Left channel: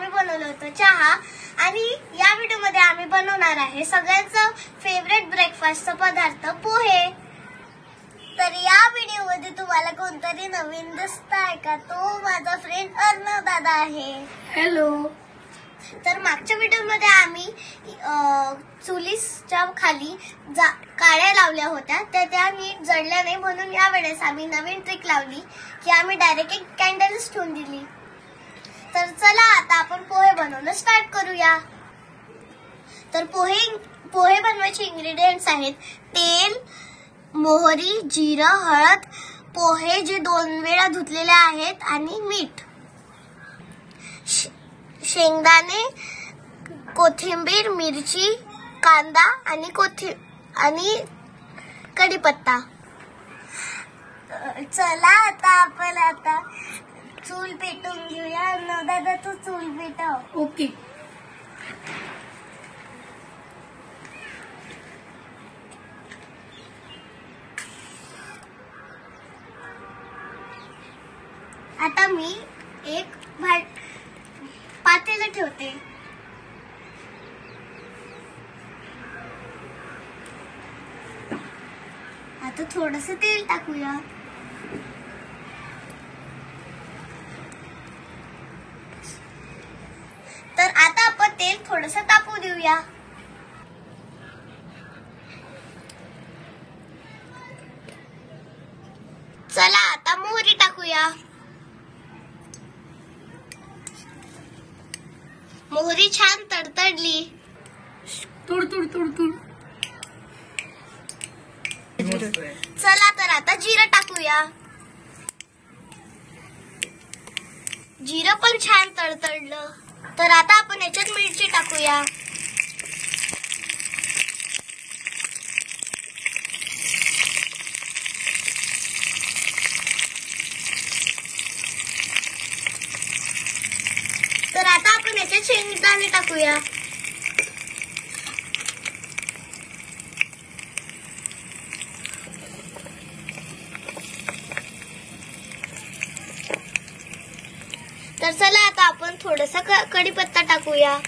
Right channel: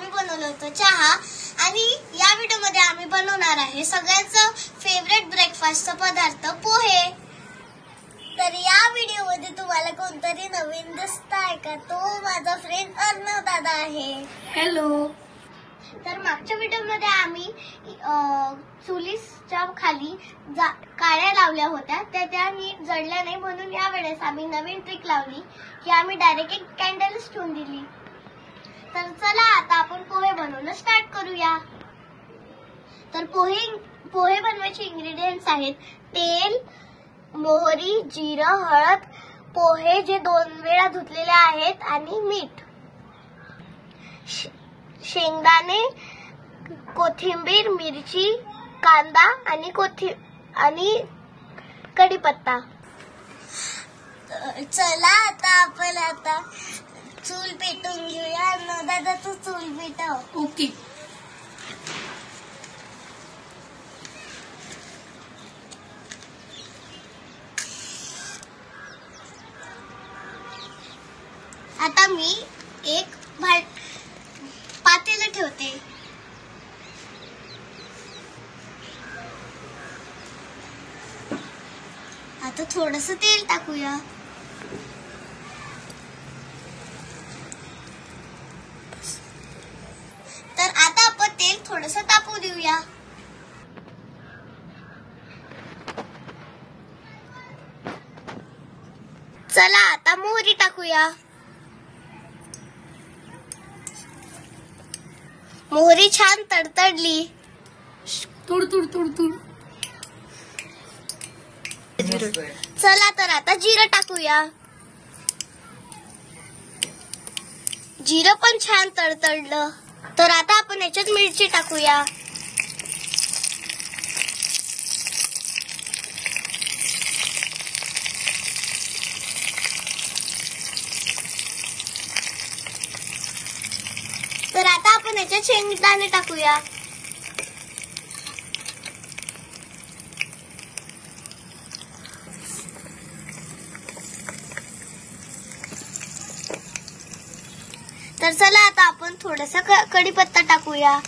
आम्ही बनवलं होतं चहा आणि या व्हिडिओमध्ये आम्ही बनवणार आहे सगळ्यांचं फेवरेट ब्रेकफास्टचा पदार्थ पोहे। तर या व्हिडिओमध्ये तुम्हाला कोणतरी नवीन दिसतंय का? तो माझा फ्रेंड अर्णव दादा आहे। हॅलो। तर मागच्या व्हिडिओमध्ये आम्ही चुलीच्या खाली काड्या लावल्या होत्या त्या नीट जळल्या नाही, म्हणून या वेळेस आम्ही नवीन ट्रिक लावली की आम्ही डायरेक्ट एक कॅन्डल्स ठेवून दिली। तर चला आता आपण पोहे बनवणं स्टार्ट करूया। तर पोहे बनवायचे इंग्रेडिएंट्स आहेत तेल, मोहरी, जिरं, हळद, पोहे जे 2 वेळा धुतलेले आहेत आणि मीठ, शेंगदाणे, कोथिंबीर, मिरची, कांदा आणि कढीपत्ता। चला आता चूल पेटवून घेऊया। दादा तू चूल पेटव। ओके। आता मी एक पातेलं ठेवते। आता थोडंसं तेल टाकूया। तर आता आपण तेल थोडंसं तापू देऊया। चला आता मोहरी टाकूया। मोहरी छान तडतडली। तुड। चला तर आता जिरं टाकूया। जिरं पण छान तडतडलं। तर आता आपण याच्यात मिरची टाकूया। तर आता आपण याच्यात शेंगदाणे टाकूया। तर चला आता आपण थोडासा कढीपत्ता टाकूया।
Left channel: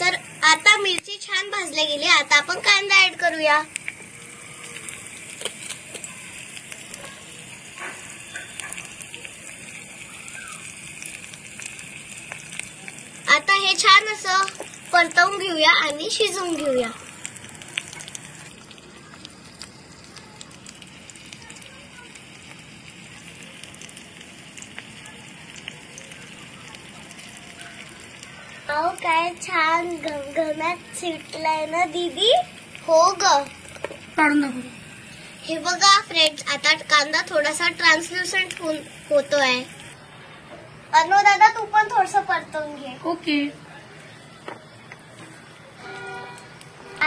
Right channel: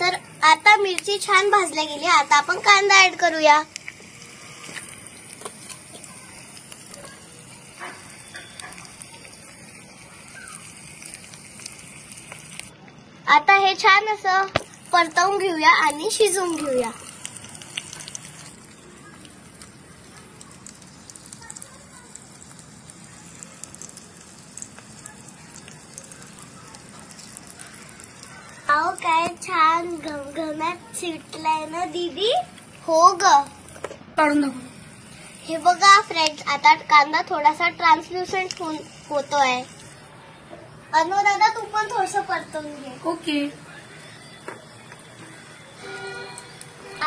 तर आता मिरची छान भाजल्या गेली। आता आपण कांदा ऍड करूया। आता हे छान असं परतवून घेऊया आणि शिजवून घेऊया। अहो काय छान घमघमाट शिजलाय ना दीदी? हो ग। हे बघा फ्रेंड्स, आता कांदा थोडासा ट्रान्सल्युसंट होतोय। अर्णव दादा तू पण थोडंसं परतवून घे। ओके।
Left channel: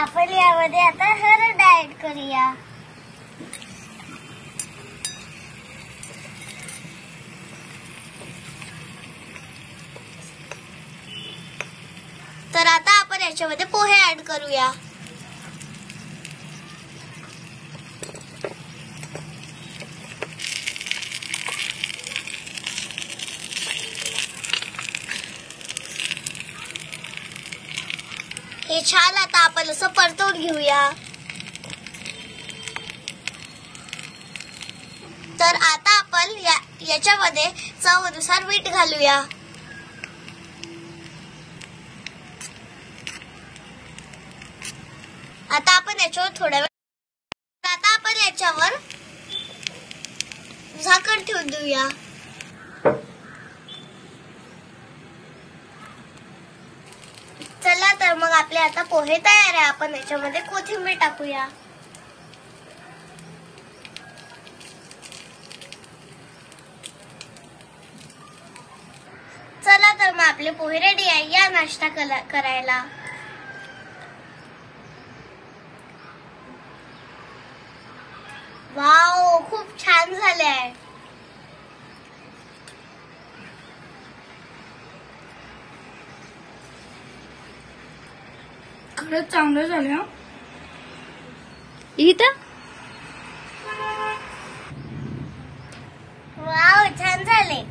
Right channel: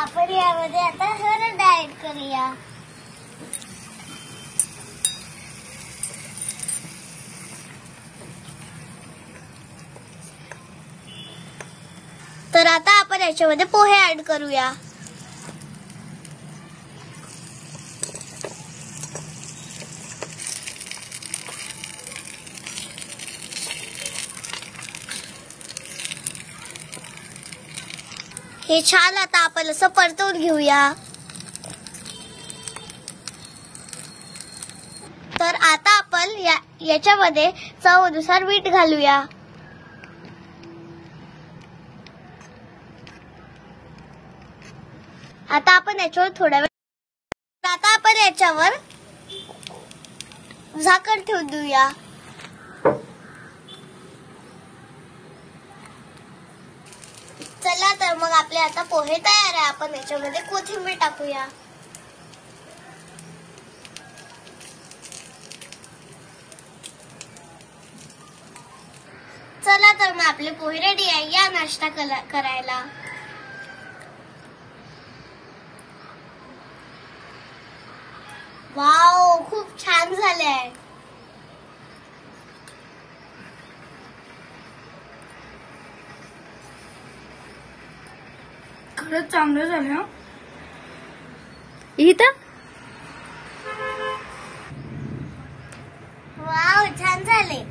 आपण यामध्ये आता हळद ऍड करूया। तर आता आपण याच्यामध्ये पोहे ऍड करूया। हे छान आता आपण असं परतवून घेऊया। तर आता आपण याच्यामध्ये चवीनुसार मीठ घालूया। आता आपण याच्यावर थोडा वेळ आता आपण याच्यावर झाकण ठेवून देऊया। चला तर मग आपले आता पोहे तयार आहे। आपण याच्यामध्ये कोथिंबीर टाकूया। चला तर मग आपले पोहे रेडी आहे। या नाश्ता करायला। वाव, खूप छान झाले आहे। खरंच चांगलं झालं। इथं छान झाले.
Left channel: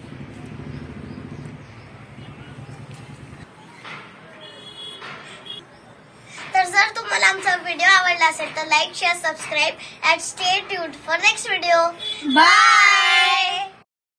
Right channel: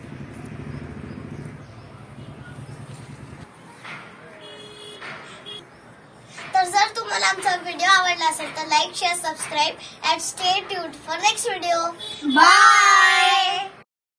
तर जर तुम्हाला आमचा व्हिडिओ आवडला असेल तर like share subscribe and stay tuned for next video. Bye.